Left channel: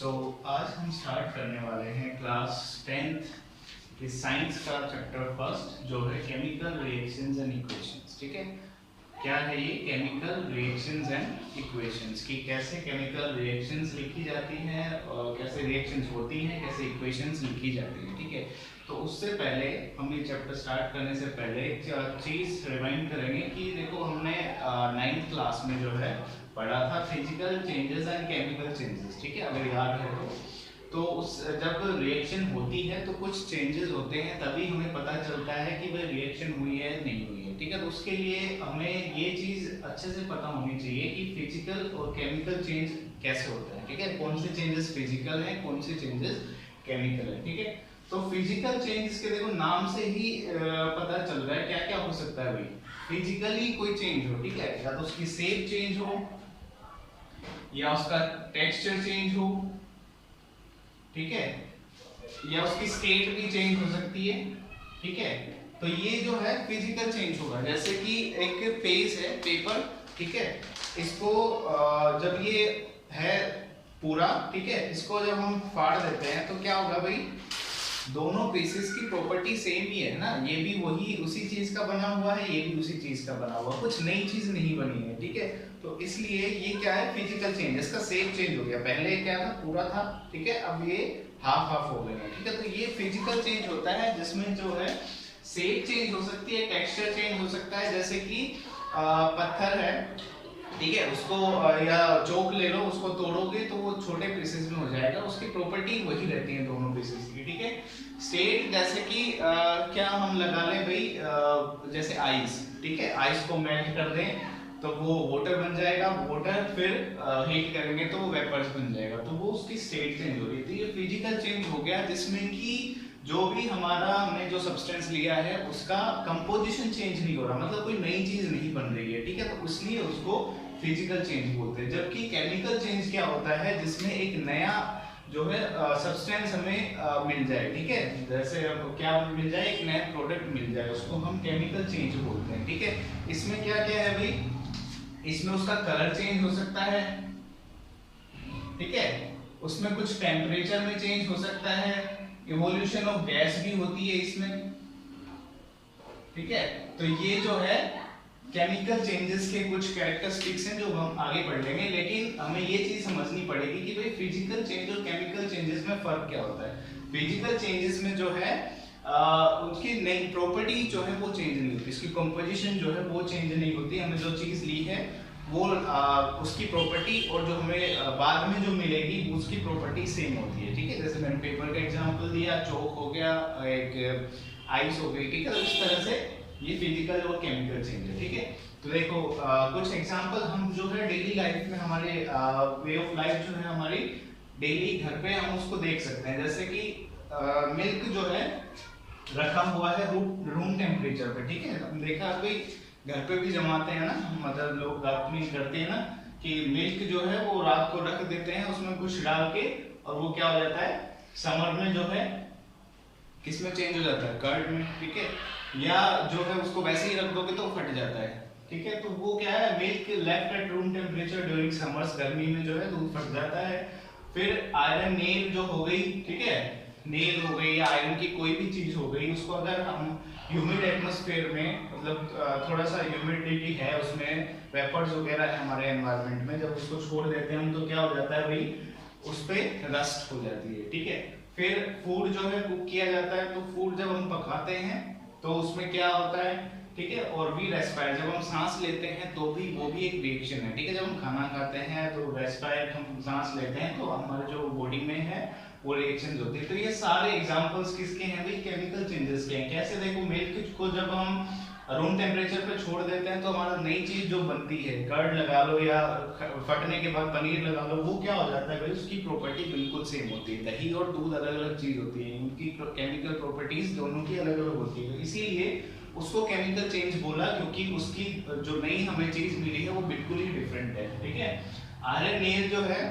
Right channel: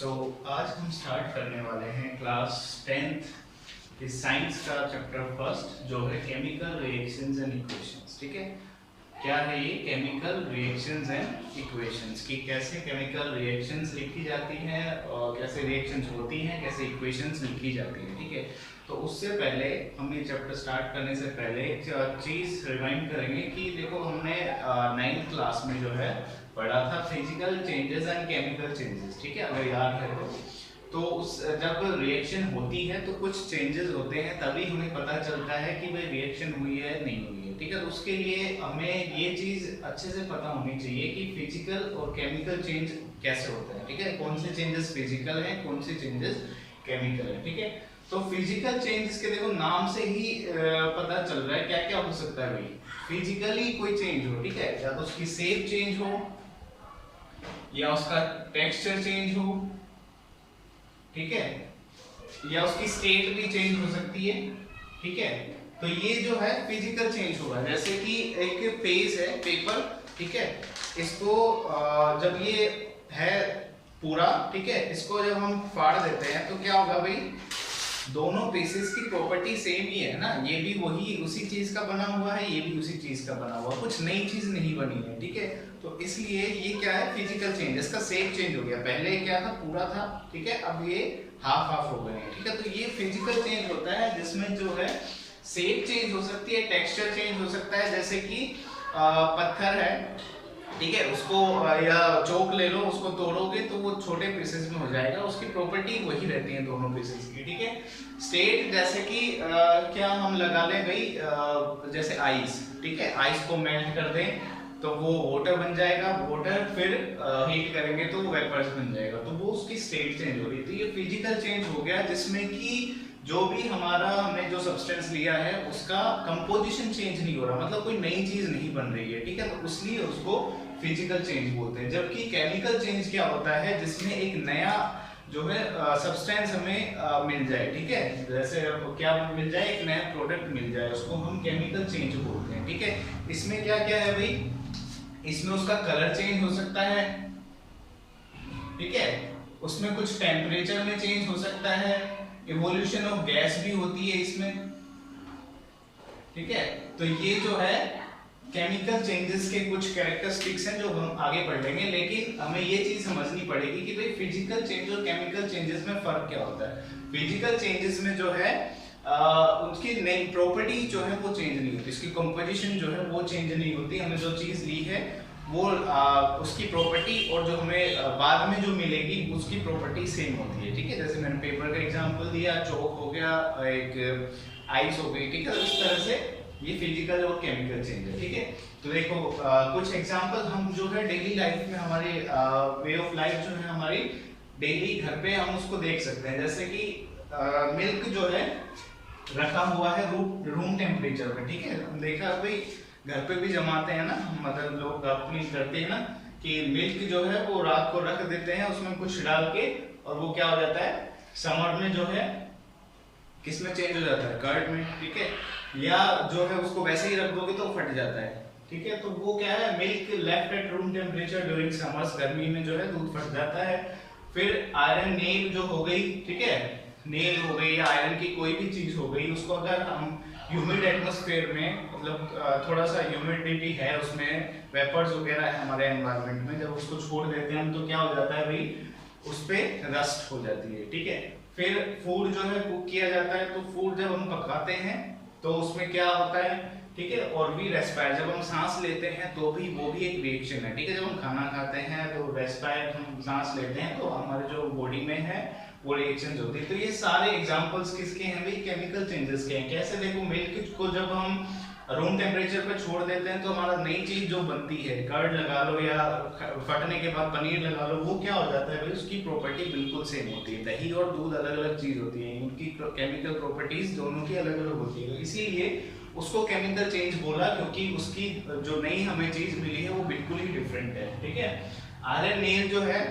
आज हम स्टार्ट करने वाले हैं क्लास 10th के साइंस का चैप्टर फर्स्ट जो है केमिकल रिएक्शंस एंड इक्वेशंस। ठीक है, क्या है ये केमिकल रिएक्शंस एंड इक्वेशंस की कैसे केमिकल रिएक्शंस लिखी जाती हैं और कैसे रिएक्शंस होती हैं, कैसे इक्वेशंस लिखी जाती हैं। ठीक है, तो उससे पहले हम ये चैप्टर स्टार्ट करने से पहले एक चीज़ रिमाइंड करेंगे कि देखो हमने 9th क्लास में जो है पढ़ा था physical changes and chemical changes. ठीक है, अगर याद है तो उस जब रिएक्शन होती है तो कुछ चेंजेस होते हैं, तभी हमें पता चलता है कि भाई रिएक्शन हुई है नहीं हुई है। ठीक है, तो उसके लिए हमें ये चीज़ अच्छे से पता होनी चाहिए कि फिजिकल और केमिकल चेंज कैसे होता है। ठीक है, कौन से चेंजेस फिजिकल हैं, कौन से चेंजेस केमिकल है। ठीक है, तो फिजिकल चेंजेस के देखो नाम से ही पता चल रहा है क्या क्या हो सकता है। भाई फिजिकली कोई चेंज हो, ठीक है, या तो उसकी शेप चेंज हो या उसका टेक्सचर चेंज हो, ठीक है, या उसकी स्टेट भी चेंज हो सकती है। ठीक है, तो ये जो है फिजिकल चेंज होगा। जैसे कि एक पेज है, पेपर, ठीक है, इसको जब ये है पूरा, ठीक है, इसको जब हम फाड़ देते हैं तो क्या होगा भाई, दोनों पीसेस की प्रॉपर्टी सेम ही है ना, ये भी वही उसी चीज का बना हुआ है, ये भी उसी चीज का बना हुआ, कुछ नई चीज नहीं बनी है। ठीक है, तो इसलिए ये क्या है फिजिकल चेंज, इसका शेप चेंज हो गया। पहले क्या था, पूरा था, ठीक है, अब ये हाफ हाफ हो गए हैं। ठीक है, तो ये फिजिकल चेंज होता है जिसमें जो है शेप चेंज हो सकती है, टेक्सचर चेंज हो सकता है। जैसे कि पत्थर है, ठीक है, उसको या चौक ले लो, उसको तोड़ोगे तो वो छोटे पीसेस में हो जाएगा, उसकी प्रॉपर्टी वही रहती है दोनों पीसेस की। ठीक है, स्टेट जैसे कि क्या हम लगा लें भाई, जैसे आइस, ठीक है, आइस को मेल्ट कर दें तो वो वाटर बन जाएगा, वाटर फिर हीट करेंगे तो वेपर्स बन जाएगा, तो वो उसकी स्टेट चेंज हो रही है। तो ये फिजिकल चेंज हो गया जिसमें कि जो भी हमारा हमने जो सब्सटेंस लिया है उसका कंपोजिशन चेंज नहीं हो रहा, मतलब कोई नई चीज नहीं बन रही है। ठीक है, तो इसलिए उसको फिजिकल चेंज बोलते हैं। जबकि केमिकल चेंज क्या होता है, जिसमें एक नया जो है सब्सटेंस हमें मिल जाए। ठीक है, जैसे क्या मिल जाए, एक नया प्रोडक्ट मिल जाए, उसको हम केमिकल चेंज बोलते हैं। ठीक है, इसमें क्या क्या है भाई, इसमें उसका कलर चेंज हो सकता है, ठीक है, उसमें कुछ टेम्परेचर में चेंज हो सकता है, इवोल्यूशन ऑफ गैस भी होती है इसमें। ठीक है, तो ये जो है केमिकल चेंजेस के कुछ कैरेक्टरिस्टिक्स हैं जो हम आगे पढ़ लेंगे, लेकिन हमें ये चीज समझनी पड़ेगी कि भाई फिजिकल चेंज और केमिकल चेंजेस में फर्क क्या होता है। फिजिकल चेंजेस में जो है उसकी नई प्रॉपर्टी जो है वो चेंज नहीं होती, इसकी कंपोजिशन जो है वो चेंज नहीं होती। हमने जो चीज ली है वो उसकी प्रॉपर्टी और जो हमें बाद में जो मिलेगी उसकी प्रॉपर्टी सेम होती है। ठीक है, जैसे मैंने पेपर का एग्जांपल दिया, चौक हो गया, एक आइस हो गई। ठीक है, तो इस तरह से ये फिजिकल और केमिकल चेंज है। ठीक है, तो देखो कुछ एग्जांपल हम जो है डेली लाइफ में हमारे वे ऑफ लाइफ जो है हमारी डेली घर पे हम उसको देख सकते हैं। जैसे कि मिल्क जो है रखा हुआ है रूम टेम्परेचर पे। ठीक है, हम देखा कोई घर पे भी जमाते हैं ना, मतलब लोग अपनी करते हैं ना कि मिल्क जो है वो रात को रख देते हैं उसमें कुछ डाल के, और वो क्या हो जाता है समर में जो है किसमें चेंज हो जाता है, कर्ड में। ठीक है, या जो है उसको वैसे ही रख दोगे तो फट जाता है। ठीक है, तो वो क्या है, milk left at room temperature during summers, गर्मी में जो है दूध फट जाता है। फिर आयरन नेल जो हो गई, ठीक है, नेल हो गई या आयरन की कोई भी चीज हो गई, उसको अगर हम ह्यूमिड एटमॉस्फेयर में, मतलब थोड़ा सा ह्यूमिडिटी है उसमें, वेपर्स वगैरह है हमारे एनवायरनमेंट में, जब उसको छोड़ देते हैं हम तो क्या हो जाता है भाई, उस पर रस्ट हो जाती है। ठीक है, फिर फूड जो है कुक किया जाता है, तो फूड जब हम पकाते हैं तो उसमें क्या होता है, ठीक है, और भी रेस्पायर, जब हम सांस लेते हैं तो भी वो भी एक रिएक्शन है। ठीक है, जब हम खाना खाते हैं तो रेस्पायर हम सांस लेते हैं तो हमारे जो बॉडी में है वो रिएक्शन होती है। तो ये सारे एग्जांपल्स किसके हैं भाई, केमिकल चेंजेस के हैं। कैसे, देखो मिल्क को जब हम रूम टेम्परेचर पे छोड़ देते हैं तो हमारा नई चीज जो बनती है, कर्ड लगा लो या फटने के बाद पनीर लगा लो, वो क्या हो जाता है भाई, उसकी प्रॉपर्टी बिल्कुल सेम होती है। दही और दूध अलग अलग चीज होती है, उनकी केमिकल प्रॉपर्टीज दोनों की अलग अलग होती है, तो इसीलिए उसको केमिकल चेंज बोला, क्योंकि उसकी जो नई हमें चीज मिली है वो बिल्कुल ही डिफरेंट है। ठीक है, आयरन नेल जो है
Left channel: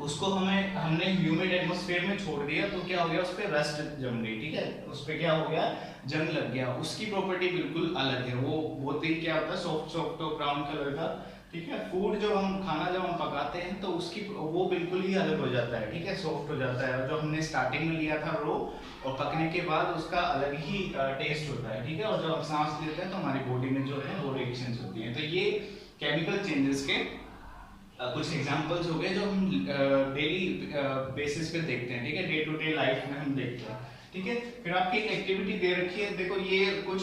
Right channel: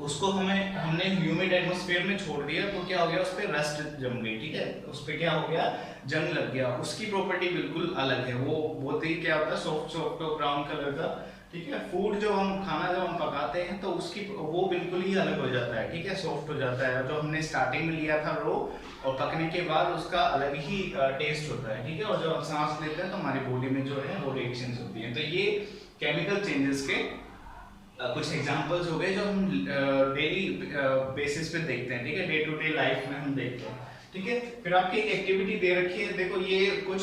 उसको हमने ह्यूमिड एटमॉस्फेयर में छोड़ दिया तो क्या हो गया, उस पर रस्ट जम गई। ठीक है, उस पर क्या हो गया, जंग लग गया, उसकी प्रॉपर्टी बिल्कुल अलग है। वो बहुत ही क्या होता है, सॉफ्ट सॉफ्ट ब्राउन कलर का ठीक है। फूड जो हम खाना जब हम पकाते हैं तो उसकी वो बिल्कुल ही अलग हो जाता है, ठीक है, सॉफ्ट हो जाता है। जो हमने स्टार्टिंग में लिया था रो, और पकने के बाद उसका अलग ही टेस्ट होता है, ठीक है। और जब हम सांस लेते हैं तो हमारी बॉडी में जो है वो रिएक्शंस होती हैं। तो ये केमिकल चेंजेस के कुछ एग्जांपल्स हो गए जो हम डेली बेसिस पे देखते हैं, ठीक है, डे टू डे लाइफ में हम देखते हैं, ठीक है। फिर आपकी एक एक्टिविटी दे रखी है, देखो ये कुछ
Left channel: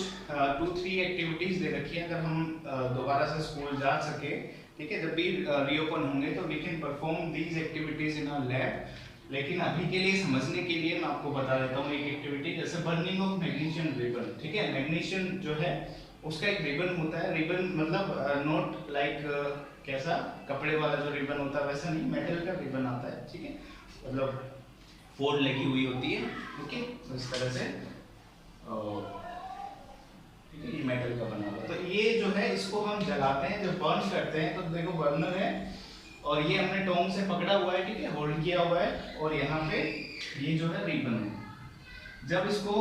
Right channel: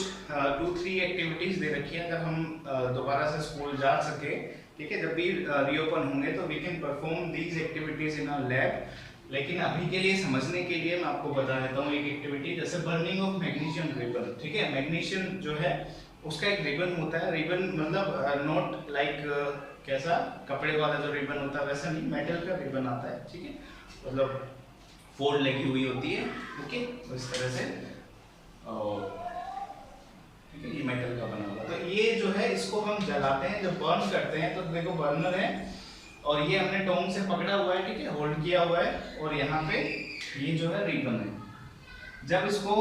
2-3 एक्टिविटीज दे रखी है। अगर हम दोबारा से स्कूल जा सके, ठीक है, जब भी रीओपन होंगे तो we can perform these activities in our lab. लेकिन अभी के लिए समझने के लिए मैं आपको बता देता हूँ एक एक्टिविटी, जैसे बर्निंग ऑफ मैग्नीशियम रिबन, ठीक है। मैग्नीशियम जो है उसका एक रिबन होता है। रिबन मतलब नॉट लाइक कैसा कपड़े वाला जो रिबन होता है वैसा नहीं, मेटल का रिबन आता है, ठीक है, मतलब फोल्ड लगी हुई होती है, ओके, तो इस तरह से, ठीक है, ये मेटल का बना हुआ। तो ये जो है इसको हम जलाते हैं, जब बर्न करते हैं तो देखो बर्नर है और ये हमने टोंग से पकड़ा हुआ है, ठीक है, होल्ड किया हुआ है, और यहाँ पे ये जो है रिबन है। जब इसको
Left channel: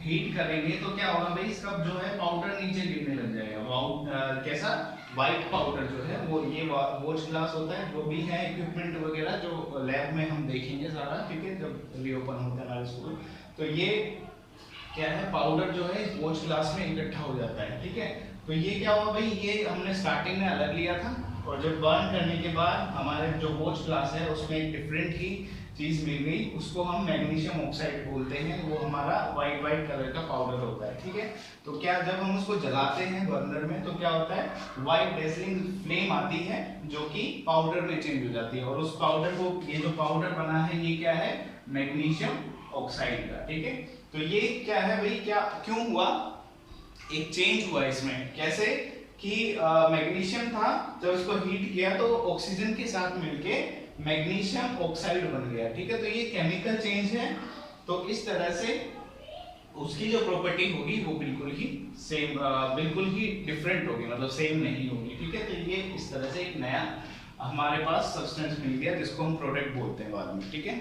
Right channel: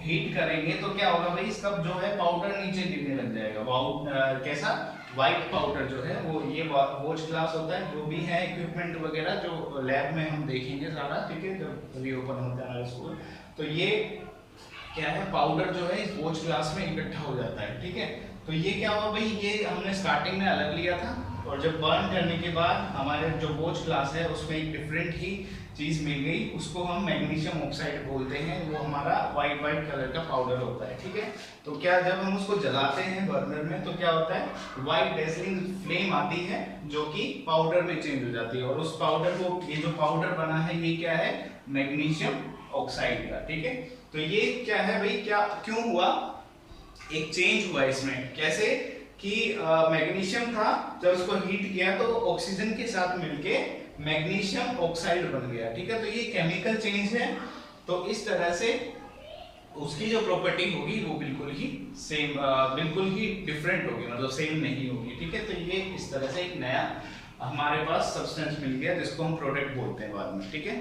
हीट करेंगे तो क्या होगा भाई, इसका जो है पाउडर नीचे गिरने लग जाएगा। कैसा व्हाइट पाउडर जो है वो, ये वॉच ग्लास होता है, जो भी है इक्विपमेंट वगैरह जो लैब में हम देखेंगे सारा, ठीक है, जब रीओपन होता है हमारे स्कूल। तो ये क्या है, पाउडर जो है इस वॉच ग्लास में इकट्ठा हो जाता है, ठीक है। तो ये क्या हुआ भाई, ये हमने स्टार्टिंग में अलग लिया था, और जब बर्न करने के बाद हमारे जो वॉच ग्लास है उसमें एक डिफरेंट ही चीज मिल गई, उसको हम मैग्नीशियम ऑक्साइड बोलते हैं। वो हमारा वाइट कलर का पाउडर होता है, ठीक है। तो क्या जब हम उसको जलाते हैं बर्नर में तो क्या होता है, वाइट डेजलिंग फ्लेम आती है जो कि पाउडर में चेंज हो जाती है, और उस पाउडर को, ये जो पाउडर बना है ये क्या है, मैग्नीशियम ऑक्साइड का, ठीक है। तो ये क्या है भाई, क्या क्यों हुआ, एक चेंज हुआ इसमें, कैसे कि मैग्नीशियम था, जब उसको हीट किया तो ऑक्सीजन के साथ मिलके मैग्नीशियम ऑक्साइड बन गया, ठीक है। तो ये केमिकल चेंज है। तो इस तरह से उसकी जो प्रॉपर्टी होगी वो बिल्कुल ही सेम, बिल्कुल ही डिफरेंट होगी, मतलब सेम नहीं होगी, ठीक है। तो ये इस तरह से एक नया हमारे पास सब्सटेंस मिल गया जिसको हम प्रोडक्ट बोलते हैं बाद में, ठीक है।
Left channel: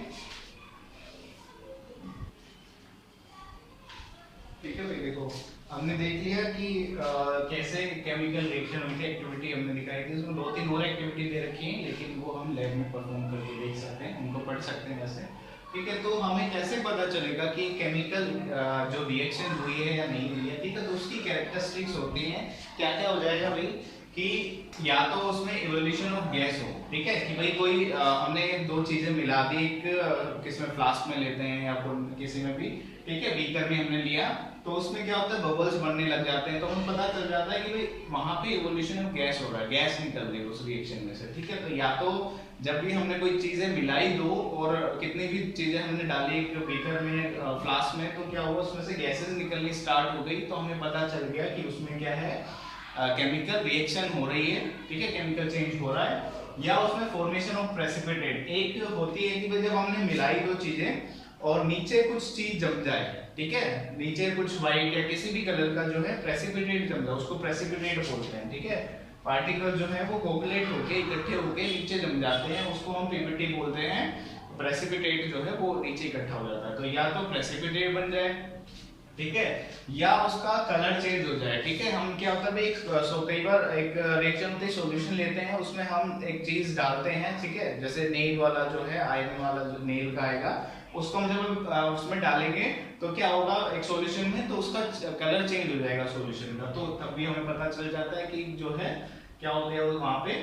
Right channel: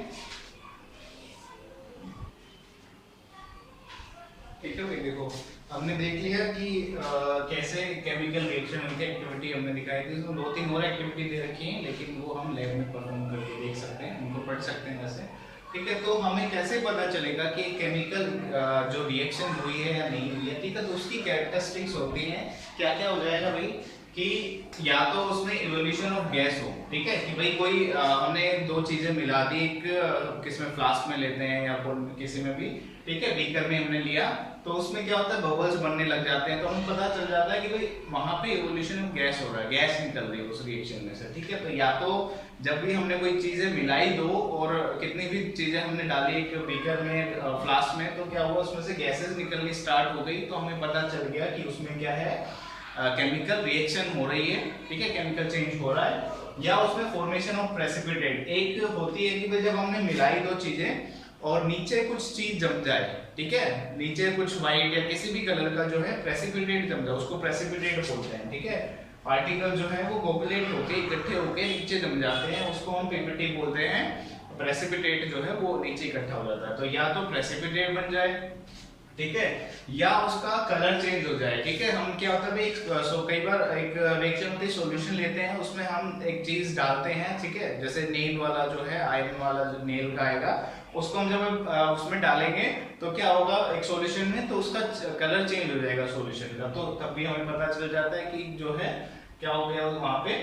ठीक है भाई, देखो हमने देख लिया कि कैसे केमिकल रिएक्शन हुई थी, एक्टिविटी हमने दिखाई थी। उसमें 2-3 और एक्टिविटी दे रखी हैं, लेकिन वो हम लैब में परफॉर्म करके देख सकते हैं, उनको पढ़ सकते हैं वैसे, ठीक है। तो हमें कैसे पता चलेगा कि केमिकल जो रिएक्शन हुई है या नहीं हुई है, ठीक है। तो उसकी कैरेक्टरिस्टिक्स होती हैं, क्या क्या हो जाएगा भाई, कि या तो उसमें इवोल्यूशन ऑफ गैस हो, ठीक है, कि भाई कोई हमने 2 चीजें मिला दी, एक किसमें फ्लास्क में लेते हैं या किसी में भी, ठीक है, बीकर में हमने लिया, तो उसमें क्या होता है, बबल्स बनने लग जाते हैं, तो हमें पता चल जाता है कि भाई वहां पे इवोल्यूशन ऑफ गैस हो रहा है, गैस निकल रही है उस रिएक्शन में से, ठीक है। तो या तो जब भी हमने कोई चीजें मिलाई 2 और कितनी भी चीजें हमने डाली एक बीकर में, फ्लास्क में, तो क्या हुआ, उसमें से गैसेस निकलनी स्टार्ट हो गई, तो हमें पता चल गया कि उसमें क्या है, केमिकल रिएक्शन हो रही है, ठीक है, केमिकल चेंज हो रहा है। या उसमें फॉर्मेशन ऑफ प्रेसिपिटेट एक होती है कि भाई जब हमने मिलाई 2 चीजें और नीचे कुछ चीज जम जाए, ठीक है, नीचे कुछ व्हाइट या किसी भी कलर का जो है प्रेसिपिटेट जम जाए, उसको प्रेसिपिटेट बोलते हैं, ठीक है। पार्टिकल जो है वो कोगुलेट होके इकट्ठे होके नीचे जम जाते हैं, उसको हम पीपीटी बोलते हैं। प्रेसिपिटेट जो है वो नीचे इकट्ठा हो जाता है, तो या तो प्रेसिपिटेट बन जाए, ठीक है, या उसका कलर चेंज हो जाए, ठीक है। हम क्या होता है कई बार एक रिएक्शन होती है, सॉल्यूशन लेते हैं, उसमें हम एक चीज डालते हैं, ठीक है, जैसे नेल वाला जो है, आयरन वाला जो नेल का आएगा, उसको हम जब उसमें डालेंगे तो क्या होगा, एक सॉल्यूशन में, तो उसका कलर चेंज हो जाएगा सॉल्यूशन का, तो तब भी हमें पता चल जाता है कि जो है क्या हो गया, वहां पे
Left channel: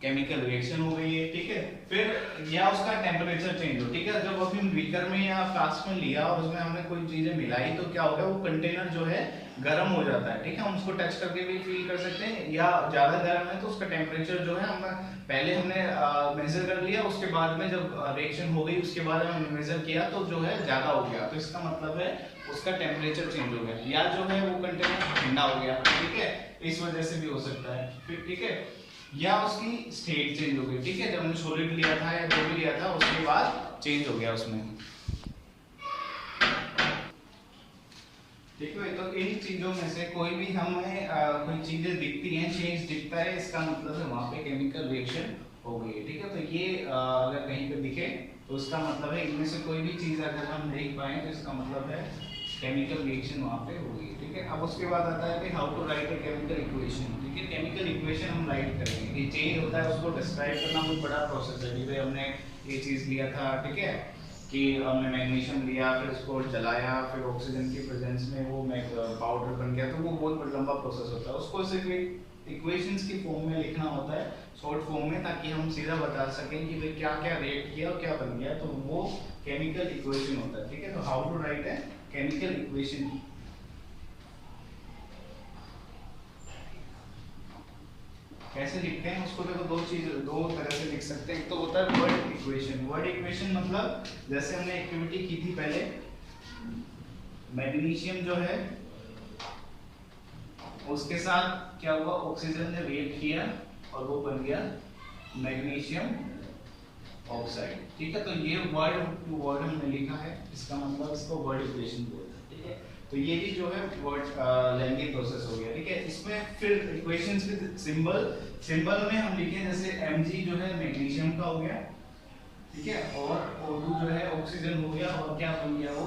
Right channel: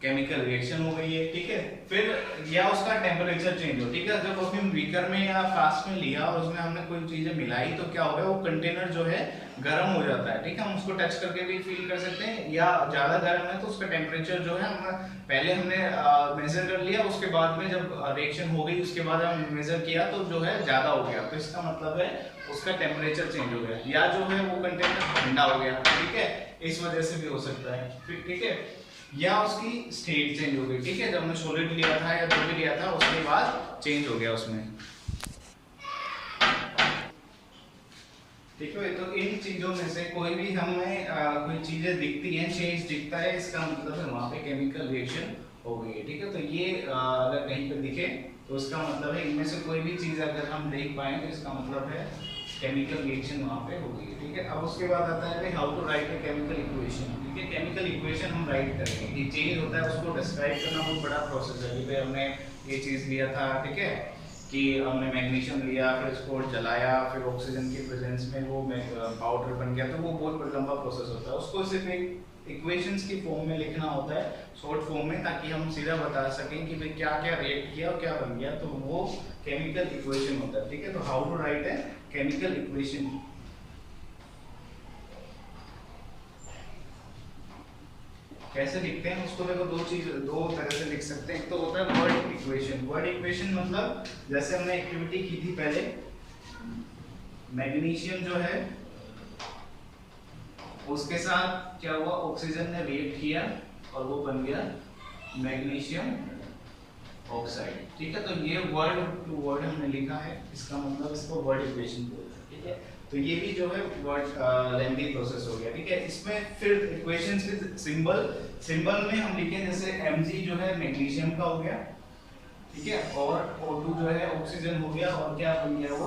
केमिकल रिएक्शन हो गई है, ठीक है। फिर या उसका टेम्परेचर चेंज हो, ठीक है, जब अभी हम बीकर में या फ्लास्क में लिया और उसमें हमने कोई चीजें मिलाई, तो क्या हो गया, वो कंटेनर जो है गर्म हो जाता है, ठीक है, हम उसको टच करके भी फील कर सकते हैं, या ज्यादा गर्म है तो उसका टेम्परेचर जो है, हम पहले हमने मेजर कर लिया, उसके बाद में जब रिएक्शन हो गई उसके बाद हम मेजर किया तो जो है ज्यादा हो गया, तो इसका मतलब है उसका टेम्परेचर चेंज हो गया, या जो है वो कंटेनर ठंडा हो गया, ठीक है, इस वजह से भी हो सकता है, ठीक है। या उसकी स्टेट चेंज हो गई, ठीक है, जब हमने सॉलिड लिया था या जो भी लिया था उसके बाद चेंज हो गया उसमें, ठीक है। तो इन चीजों में से कोई भी हमें कोई चीजें दिखती हैं, चेंज दिखता है, इसका मतलब है वहां पे केमिकल रिएक्शन हो गई है, ठीक है। तो ये अगर कहीं पे दिखे तो उसका मतलब है, इनमें से कोई भी चीज अगर हम देख पाए तो इसका मतलब है केमिकल रिएक्शन वहाँ पे होगी, ठीक है। अब उसके बाद आता है how to write a chemical equation, ठीक है। केमिकल इक्वेशन हम राइट करेंगे, ये चेंज होता है उसको डिस्क्राइब करना बहुत बड़ा प्रोसेस है। भाई हमने ये चीज़ लिया था, ठीक है, कि हमने मैग्नीशियम लिया, फिर उसको जलाया, फिर ऑक्सीजन की प्रेजेंस में वो पाउडर बन गया, तो वो बहुत लंबा प्रोसेस होता है। उसको सिर्फ एक इक्वेशंस की फॉर्म में लिखना होता है, शॉर्ट फॉर्म में, ताकि हम सीधा बता सकें कि भाई क्या क्या रिएक्ट किया और क्या बन गया, तो वो केमिकल इक्वेशन होता है, ठीक है। तो हाउ टू राइट है केमिकल इक्वेशन, कैसे लिखते हैं उसको, देखो दो तरह से लिख सकते हैं। एक तो होता है वर्ड इक्वेशन। वर्ड इक्वेशन मतलब जैसे हमने एक्टिविटी की थी पहले, मैग्नीशियम जो है उसके साथ क्या हुआ, ऑक्सीजन ने रिएक्ट किया और वो बन गया मैग्नीशियम ऑक्साइड, ठीक है। तो ये वर्ड टू वर्ड हमने लिखा है, इसका मतलब इसको वर्ड इक्वेशन बोलते हैं, ठीक है। तो ये भी जो है वर्ड लेंथी प्रोसेस हो गया, ठीक है। इसमें फिर इक्वेशंस विद सिंबल में हम लिखे जैसे Mg जो है मैग्नीशियम का हो गया, ठीक है, और O2 जो है ऑक्सीजन हो गया, और क्या बन गया वो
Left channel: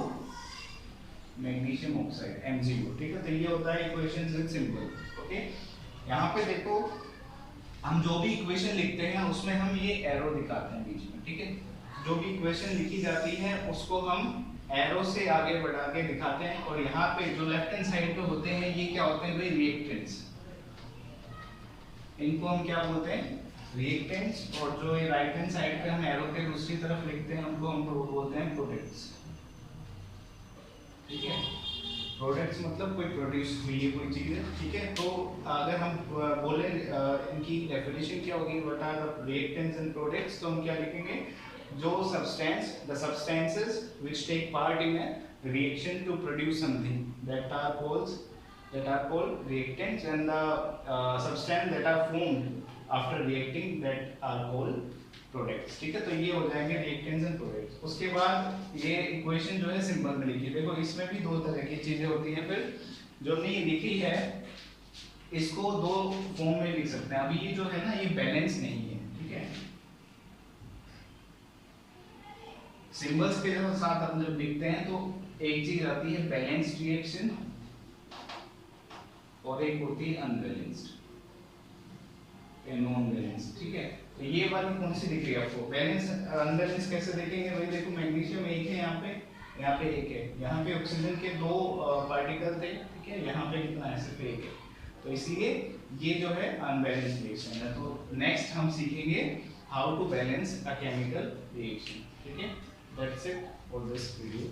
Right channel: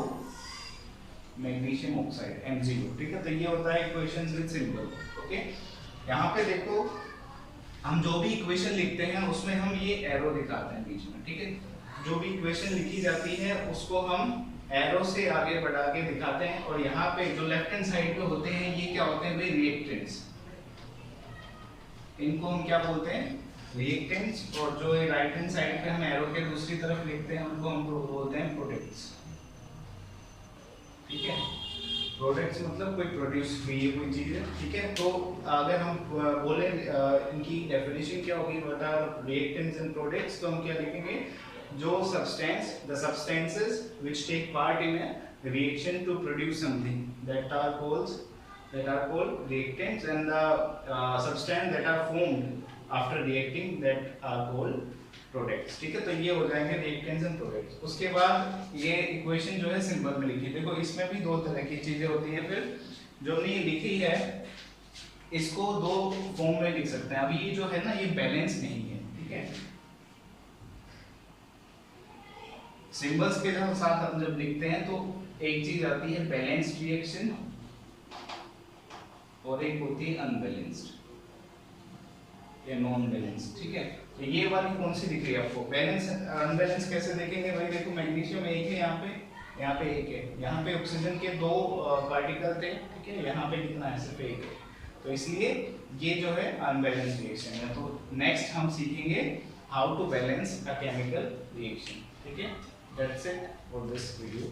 मैग्नीशियम ऑक्साइड MgO, ठीक है। तो ये होता है इक्वेशंस विद सिंबल, ओके। यहाँ पे देखो हम जो भी इक्वेशन लिखते हैं उसमें हम ये एरो दिखाते हैं बीच में, ठीक है। जो भी इक्वेशन लिखी जाती है उसको हम एरो से आगे बढ़ा के दिखाते हैं, और यहाँ पे जो लेफ्ट हैंड साइड पे होते हैं ये क्या होते हैं भाई, रिएक्टेंट्स। इनको हम क्या बोलते हैं, रिएक्टेंट्स। और जो ये राइट हैंड साइड पे हम एरो के दूसरी तरफ लिखते हैं उनको हम बोलते हैं प्रोडक्ट्स, ठीक है। प्रोडक्ट्स मतलब कोई प्रोड्यूस हुई है कोई चीज है, ठीक है। तो अगर हम बोले इनकी डेफिनेशन क्या होगी, what are reactants and products, तो हम क्या लिखेंगे, जो substance, the substances which take part in a reaction to produce something that are called reactants, and the substance that are formed after reacting that are called products, ठीक है। तो ये हो जाएंगे रिएक्टेंट्स एंड प्रोडक्ट्स। उसके बाद ये equation जो है सिंबल में लिखी, देखो इसमें भी दो तरह की चीजें होती है। फिर जो हमने ये लिखी है इसको दो फॉर्म में लिख सकते हैं। अभी ये जो है ना ये बैलेंस नहीं है, ठीक है। सिंबल्स के साथ हम जब लिखते हैं तो एक चीज आती है बैलेंस्ड रिएक्शन और एक होती है अनबैलेंस्ड या नॉन बैलेंस्ड, ठीक है। तो ये वाली कौन सी दिख रही है आपको, बैलेंस अनबैलेंस कैसे देखेंगे भाई, देखो मैग्नीशियम एक है, यहाँ पे एक है, यहाँ पे ऑक्सीजन के दो पार्टिकल थे, ठीक है, यहाँ पे कितना है, सिर्फ एक है। तो इसलिए ये जो है अनबैलेंस्ड रिएक्शन है। तो नेक्स्ट हम सीखेंगे how to balance a chemical reaction, ठीक है। That's it for this video.